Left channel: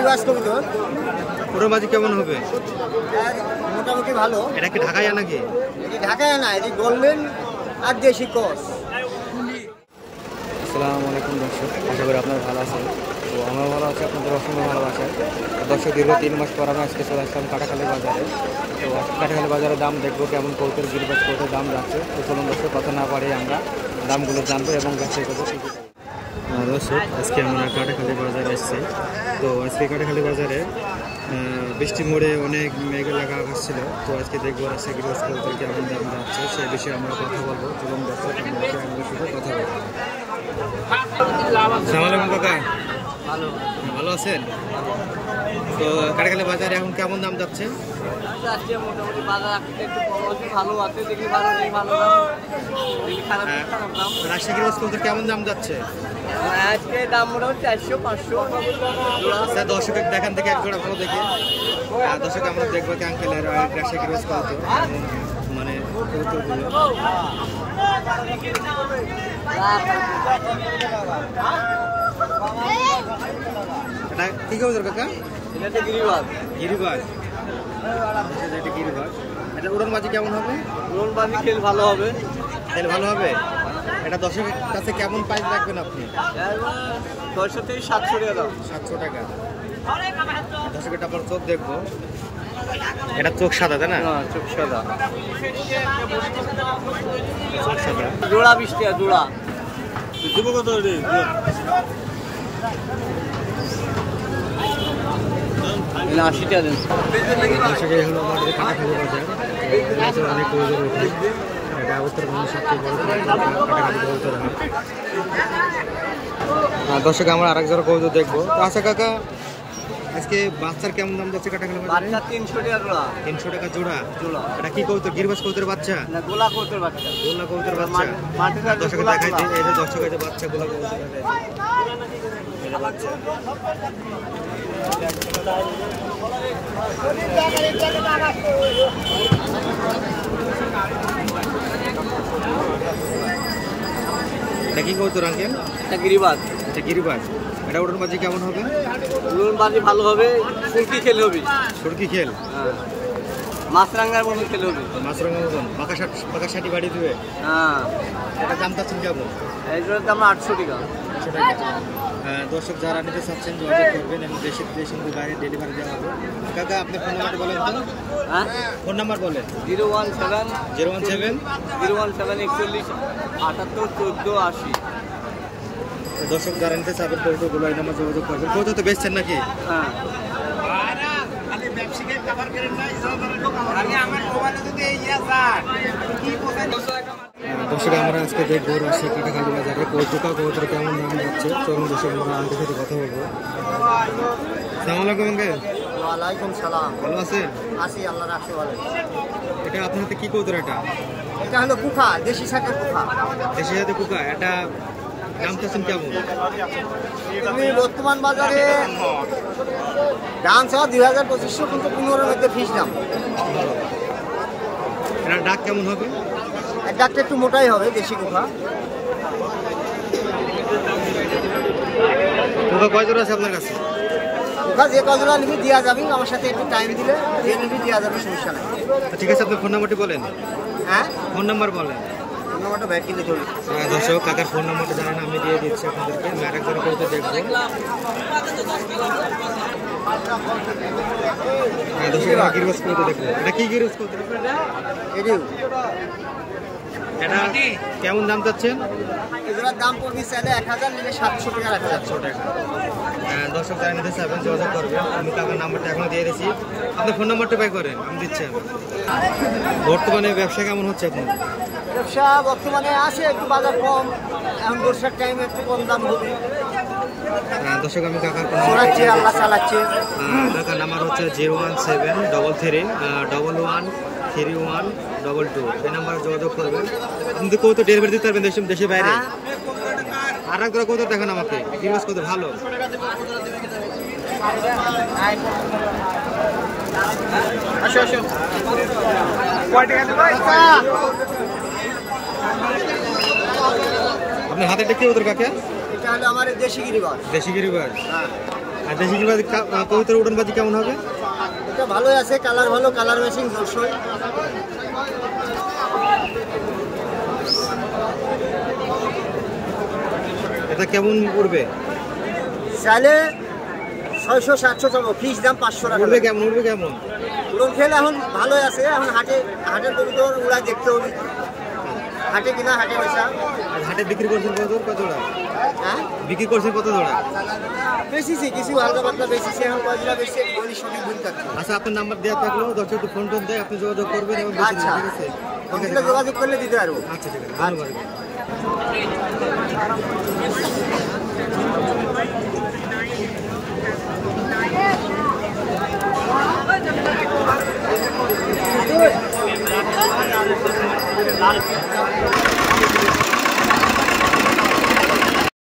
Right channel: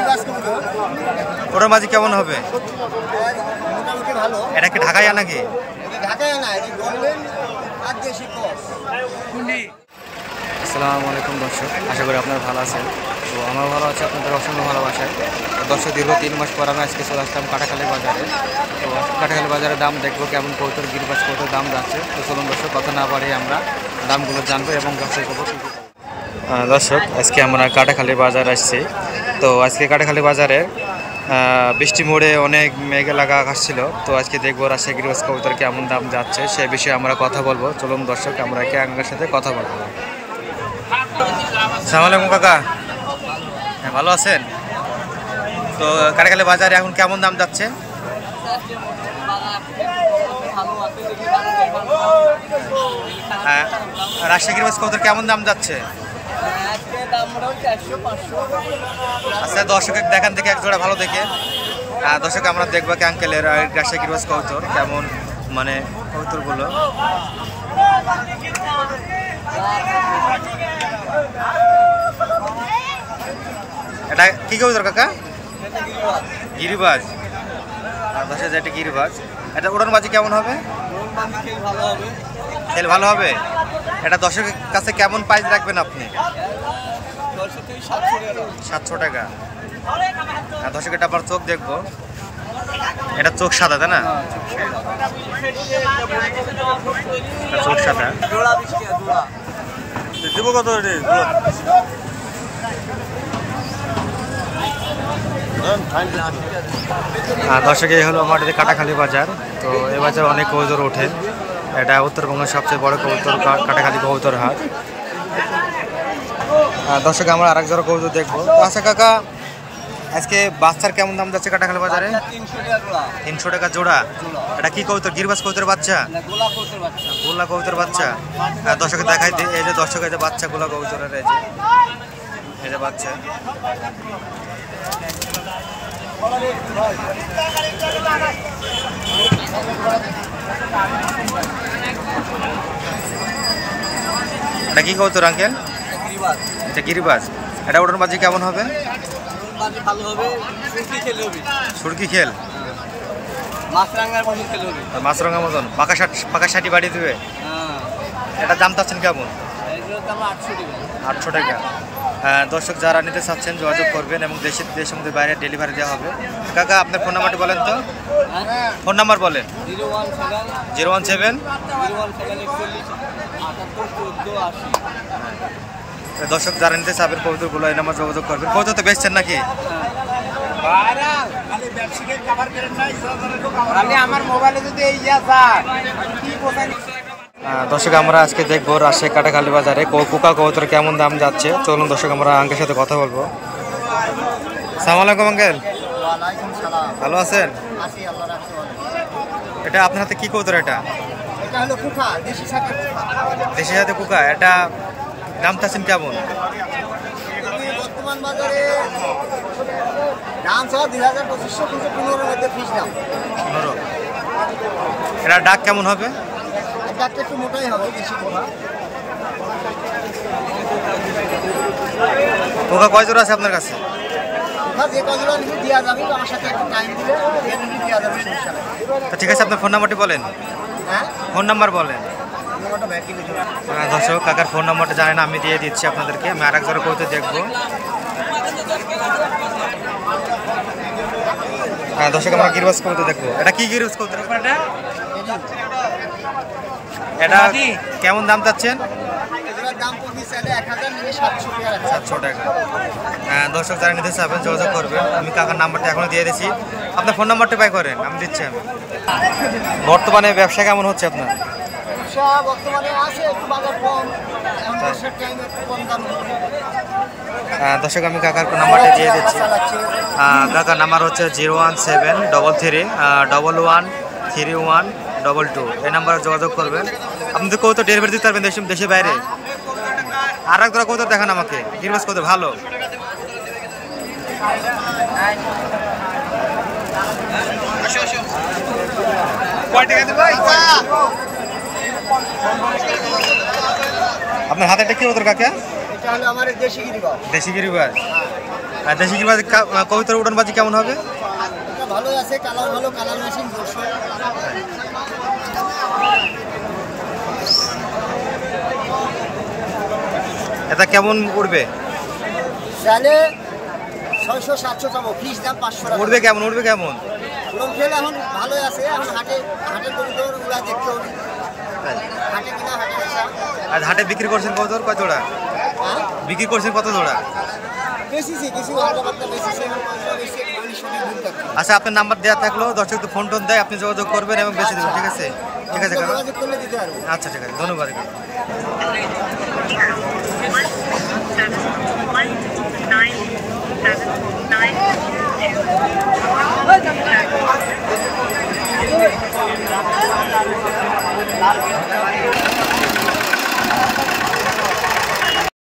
গিরিবাজ কবুতর। ওটার মাঝে কেমন হবে? মোটামুটি ভালো। এটা কি ঢাকায় নাকি? ঢাকায় না, এটি গোল্ডেন আর দেশি ক্রস। আসসালামু আলাইকুম দর্শক, আশা করি আপনারা ভালো আছেন। তো আমরা ভালো আছি, আপনাদের অসংখ্য ভালোবাসায়। দর্শক দীর্ঘ 3 মাস পর আমরা আজকে চলে আসলাম কাটাখালী বাজারে। তো কাটাখালী বাজারে দাম দেখবো কেমন কবুতর, গিরিবাজ কবুতর দাম যাচ্ছে। তো চলুন দর্শক, কথা না পারে আমরা দামগুলো জানবো এবং ব্যবসায়ী করবো। দর্শক, আজকে আমরা কাটাখালী বাজার আসছি। তো আজকে কাটাখালী বাজারে বৃষ্টি মোড়ে অনেক মেঘ লাগা আকাশ ছিল। তো আজকে দেখবো রাজশাহী গিরিবাজ কবুতর কেমন দাম যাচ্ছে, সে বিষয়ে আমরা কথা বলবো। চলুন দর্শক, আমরা একে আঙ্গের সাথে কথা বলবো। আসসালামু আলাইকুম কাকা, হ্যাঁ ভালো আছেন? তো কাটাখালী বাজারে এখন কেমন দাম যাচ্ছে? রাজশাহী গিরিবাজ কবুতর কেমন দাম যাচ্ছে? আচ্ছা, দর্শকের দেখান থেকে এক জোড়া ভালো দেখে। দর্শক, আমরা দেখবো কি আঙ্কেলের রাজশাহী গিরিবাজ কবুতর কেমন, মানে কবুতরগুলো। এটা কি কবুতর কাকা? গিরিবাজ। দর্শক, এটা গিরিবাজ। এটা উড়ান বাজি কেমন হবে? খেল ভালো হবে। খেল ভালো হবে। এটা দর্শকের কাছে কেমন প্রাইস রাখবেন আপনি? 600 থেকে 700 টাকা। 700 টাকা। দর্শক, এটা আবার চোখ দেখবো। এটা চোখ সাদা, তাই না? চোখ সাদা। চোখ সাদা। জোড়া 20 টাকা জোড়া। দিব কত রে? দর্শক, এই হলো আমাদের কাটাখালী বাজার। তো এই বাজার অনেক কবুতর ওঠে। এটা উত্তরবঙ্গের সবচেয়ে বড় কবুতর কাটাখালী কবুতর হাট। দর্শক, আমরা আরেক জোড়া কবুতর দেখবো। তো আচ্ছা কাকা, আজকে বাচ্চার কেমন দাম যাচ্ছে কাটাখালী বাজারে? 300 টাকা জোড়া। 300 টাকা জোড়া। এটা কি কবুতর? গিরিবাজ কবুতর বাচ্চা? গোলা কবুতর বাচ্চা। গোলা কবুতর বাচ্চা। দর্শকে দেখাই দিই, এই যে দর্শক, এই যে বাচ্চা গোলা কবুতরের, এই যে বাচ্চা। এটা কি কবুতর আঙ্কেল? এটা গিরিবাজ। এটা গিরিবাজ। এটা ওটার মাঝে কেমন হবে? ওটার মাঝে ভালো হবে, সুরকি খেল হবে। সুরকি খেল? হ্যাঁ, মাছরাঙ্গার মতন খেল হবে। মাছরাঙ্গার মতন পাকা শাটি বাড়ি দিবে? হ্যাঁ। এটা দাম চাচ্ছেন কেমন? এই জোড়ার দাম 800 টাকা। 800 টাকা। দর্শক, যারা নিতে চাচ্ছেন যোগাযোগ করবেন এবং দেশের মধ্যে বাইরে ডেলিভারি দেওয়া হবে। কাকা, আপনার ফোন নাম্বারটা বলেন তো। হ্যাঁ, ফোন নাম্বার বলেন। 017 017 41 78 14 80। দর্শক, যারা নিতে চাবেন কবুতরগুলো এই নাম্বার যোগাযোগ করবেন। কবুতর তো বেচছেন নাকি? হ্যাঁ। দর্শক, আমরা আজকে দেখবো রাজশাহী কাটাখালী বাজারে কুকা কবুতর কেমন দাম যাচ্ছে। চলুন দর্শক, আমরা আঙ্কেলের সাথে কথা বলবো। আসসালামু আলাইকুম আঙ্কেল। ওয়ালাইকুম সালাম। ভালো আছেন? আছি, আল্লাহ রাখতে বলেন। এটা আপনার হাতে কি কবুতর? এটা হলো কুকা, দেশি ছাটের কুকা। দেশি হাতে কুকা। এটা দাম চাচ্ছেন কেমন? তুমি বর্তমান বাজারে দাম সহ 2500, কিন্তু 15-এর মধ্যে ফিস দাম। 15। এটা ডাক কেমন হবে? ডাকটা একটু মোটাই হবে, দেশি কুকা। কুকা কয় জোড়া আছে আপনার কাছে? কুকা যে কজোড়া নিবি দেওয়া যাবে, আমার সাথে একটু টাইম দিলে দিয়ে নিবি, দেওয়া যাবে, সমস্যা নাই। তো ঠিক আছে, আপনার ফোন নাম্বারটি বলেন। হ্যাঁ, ফোন নাম্বার বলেন। ফোন নাম্বারটা ব্যাক কিনে ধরুন। দর্শক, কাকার ফোন নাম্বারটা জানেন, আমি দিয়ে দিচ্ছি আপনাদেরকে। আমি আরেক জোড়া কবুতর দেখবো। দর্শক, আমরা গিরিবাজ কবুতর দেখবো। এটা কি গিরিবাজ কবুতর? এটা কেমন দাম চাচ্ছেন? দাম পড়বে 1000, নিলে 700 টাকা। 700 টাকা। দর্শক, যারা নিতে চাবেন যোগাযোগ করবেন। আমি কাকার নাম্বারটা এখনো দিয়ে দিচ্ছি। আপনার ফোন নাম্বারটা পাই করেন, আমি দিচ্ছি। আমি বর্তমানে ব্যবসা কেমন হচ্ছে আপনার? ব্যবসা বর্তমানে আছে একটু বাজার কম, এখন ব্যবসার টাইমে একটু কম দাম হবে। দর্শক, আমি কাকার নাম্বারটা দিয়ে দিচ্ছি। কাকার নাম্বার হচ্ছে 017113132 এই নাম্বারে যোগাযোগ করবেন। আপনি তো কবুতর ডেলিভারি দিতে পারবেন দেশের বাইরে। আর এক ধরা কবুতর দেখান আমাকে, গিরিবাজ কবুতর ভালো। আপনার হাতে একটা কি কবুতর কাকা? এটা হলো আমার দেশি গিরিবাজ। দেশি গিরিবাজ। আর দেশি গিরবাজ কবুতর উড়ানবাজি কেমন হবে? এটা ভালোই আছে, কালার ভালো, কালার ম্যাচিং দর্শক। এটা কেমন উড়বে? চাইলে 600-700 চাবো, ফিক্স দাম 500 টাকা। উড়বে কেমন? উড়বে কেমন? উড়ন খেলে এখন ভালোই আছে, এখন হাটের কবুতর উড়াই দেখতে হবে, হাটে কিনা হাটে বেচা। আর হাটে বিক্রি করছেন কবুতর কত জোড়া? হ্যাঁ বিক্রি করছেন কত জোড়া? বেশিছি কিছু, হালকা পাতলা বেশিছি, এখন কয়টা বেশি গলি সঠিক ভুল থাকছে। আচ্ছা, আপনার নাম্বার দেওয়া থাকলো, দর্শক তো ফোন টোন দেয়, আপনি যোগাযোগ করবেন এবং বেশি দেবেন, ঠিক আছে? ঠিক আছে, যোগাযোগ করলে দিতে পারবো। আচ্ছা ঠিক আছে, ধন্যবাদ।